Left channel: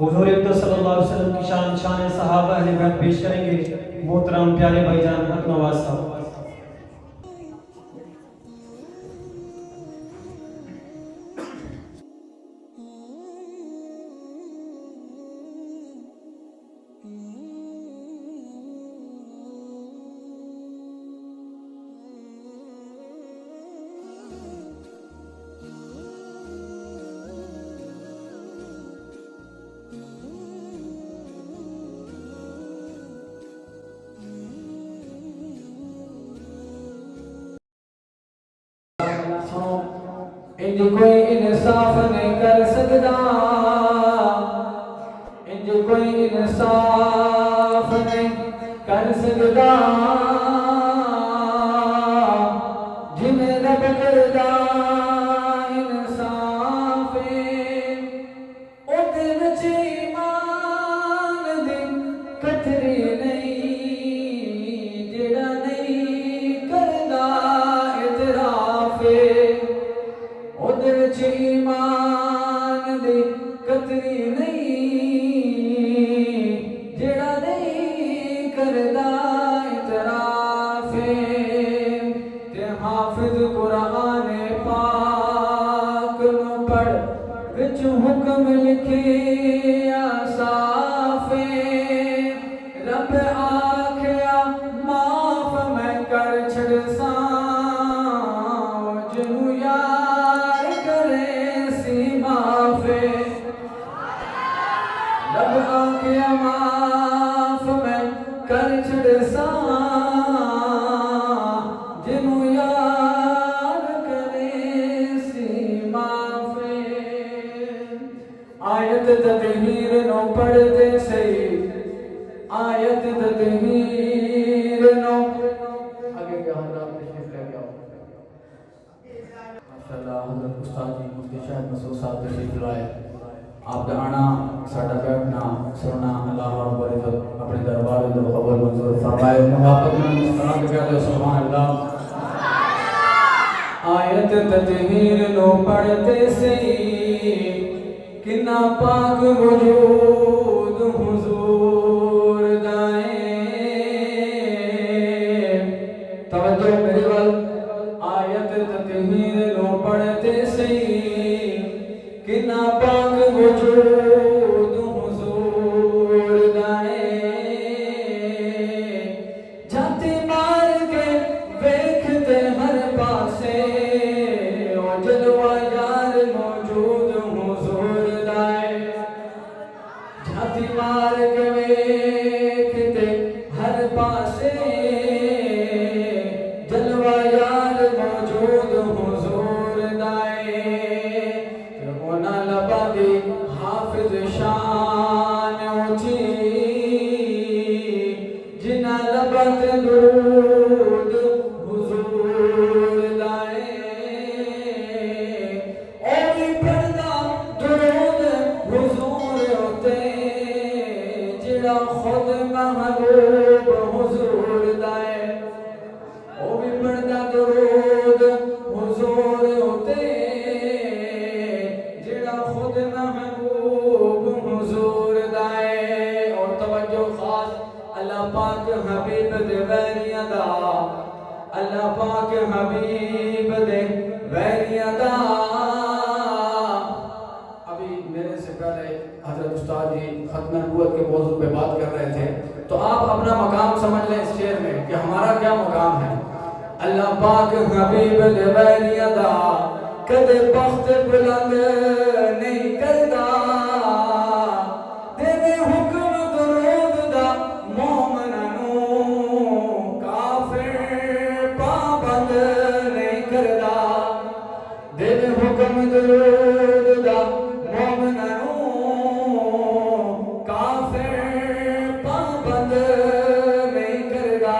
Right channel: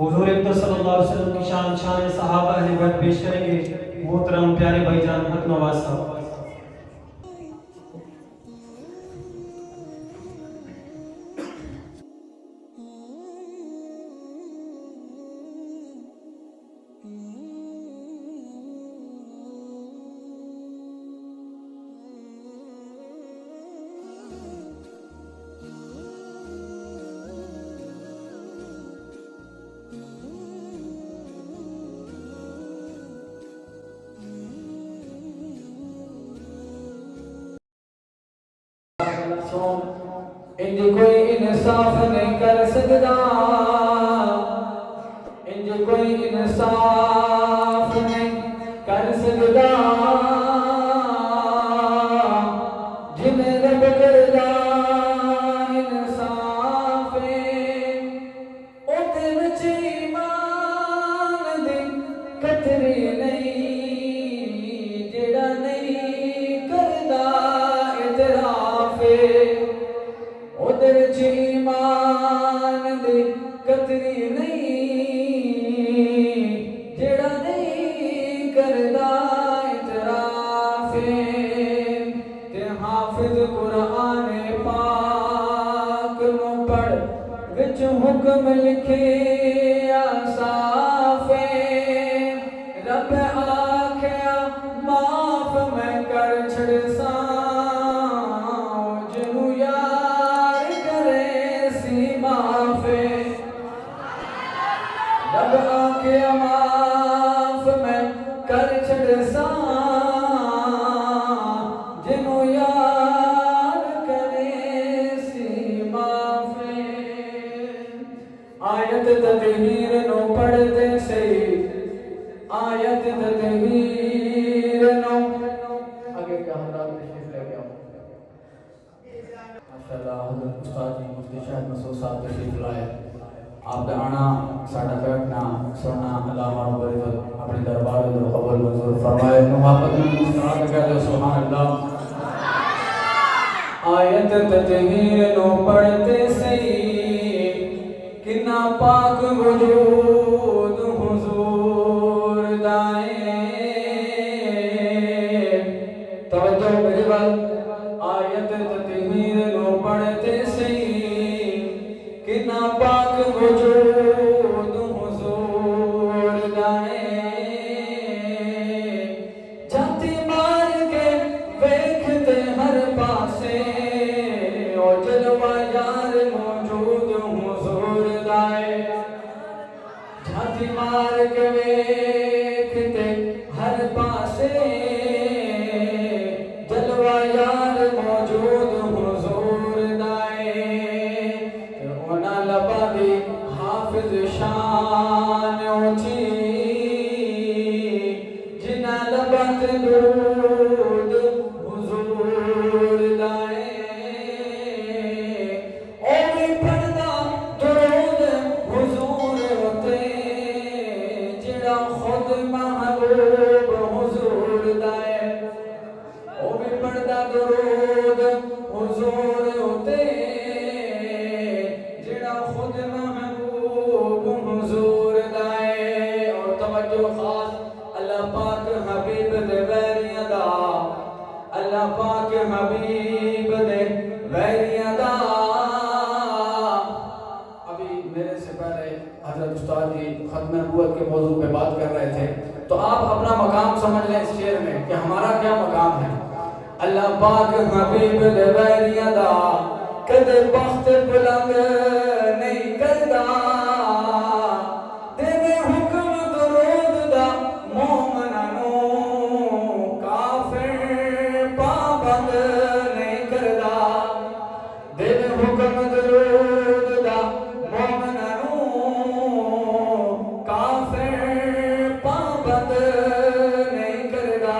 حضور اقدس صلی اللہ علیہ وسلم کی شان صحابہ اہل بیت پیش کریں گے محترم پیارے بھائی جان حق نواز صاحب. انج کوئی انصاف نہیں کر سکتا، انج کوئی انصاف نہیں کر سکتا، جن رب کردا انصاف اودے وچ ایمان دی قطرے نہیں، جڑا نہیں کردا اعتراف ایمان دی قطری نہیں، جڑا نہیں کردا اعتراف تے حافظ قرآن پاک نو پڑھ وچ حکم لکھیا صاف رب آکھیا معاف میں کر چھڑساں جنوں یار کرے سی معاف رب آکھیا معاف میں کر چھڑساں جنوں یار کرے سی معاف آیت تطہیر نو پڑھتے سی آیت تطہیر نو آگے کیا حضرات تشریف لے گیا ماشاءاللہ حضرت استاد جی مفتی شاہد مسعود صاحب تشریف لائے آپ کا آنا ساڈا بیٹھنا سننا اللہ رب العزت اپنے دربار میں قبول منظور فرمائے محبت میں مستحق کہتے سبحان اللہ آیت تطہیر نو پڑھتے سی کنا پاک وجود حضور دائیں توجہ میری بات آیت تطہیر نو پڑھتے سی کنا پاک وجود حضور دائیں جاتی مار کے ویکھتے ہر پاسے او جلوہ یار موجود حضور دائیں جاتی مار کے ویکھتے ہر پاسے جلوہ یار موجود حضور دائیں اونا لبا دی حافظ شان اونچی جنا لبت درود حضور دائیں اوی پڑھدا درود حضور ہوتے جڑا خود محبوب حضور دائیں او بھی پڑھدا درود حضور ہوتے جڑا خود محبوب حضور دائیں اور توجہ خاص اللہ پاک حبیب دے ویریاں دا اللہ پاک حبیب دے ویریاں دا ابھی میرے سے پہلے حضرت استاد جی ختم نبوت کے موضوع پہ بات کر رہے تھے تو آپ اپنا مقام سمجھ لیں اس شعر میں کہ ہمارا کیا مقام ہے اللہ پاک حبیب دے ویریاں دا کدے بخت بلند نہیں کردا دیوے حکم درود دا مومناں نوں کافر پابند نہیں کردا دیوے حکم درود دا مومناں نوں کافر پابند نہیں کردا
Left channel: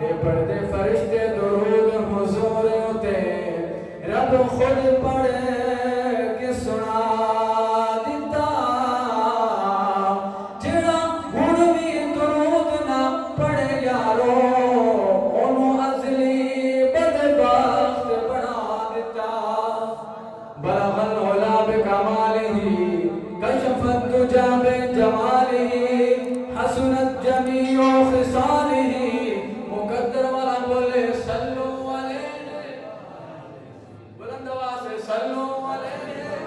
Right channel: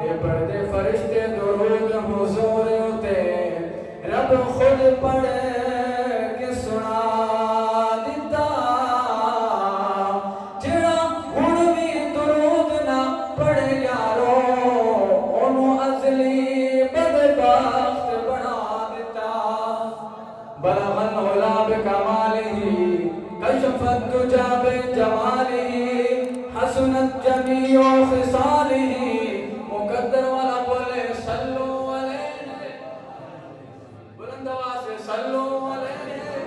تے پڑھدے فرشتے درود حضور تے رب خود پڑھ کے سنا دیتا جڑا ہن بھی درود نہ پڑھے یارو اونوں ازلی بدبخت بنا دیتا بلغ العلا بکمالہ كشف الدجى بجماله حسنت جميع خصاله مقدر والا بولے صلو علیہ بلند آواز سے صلو علیہ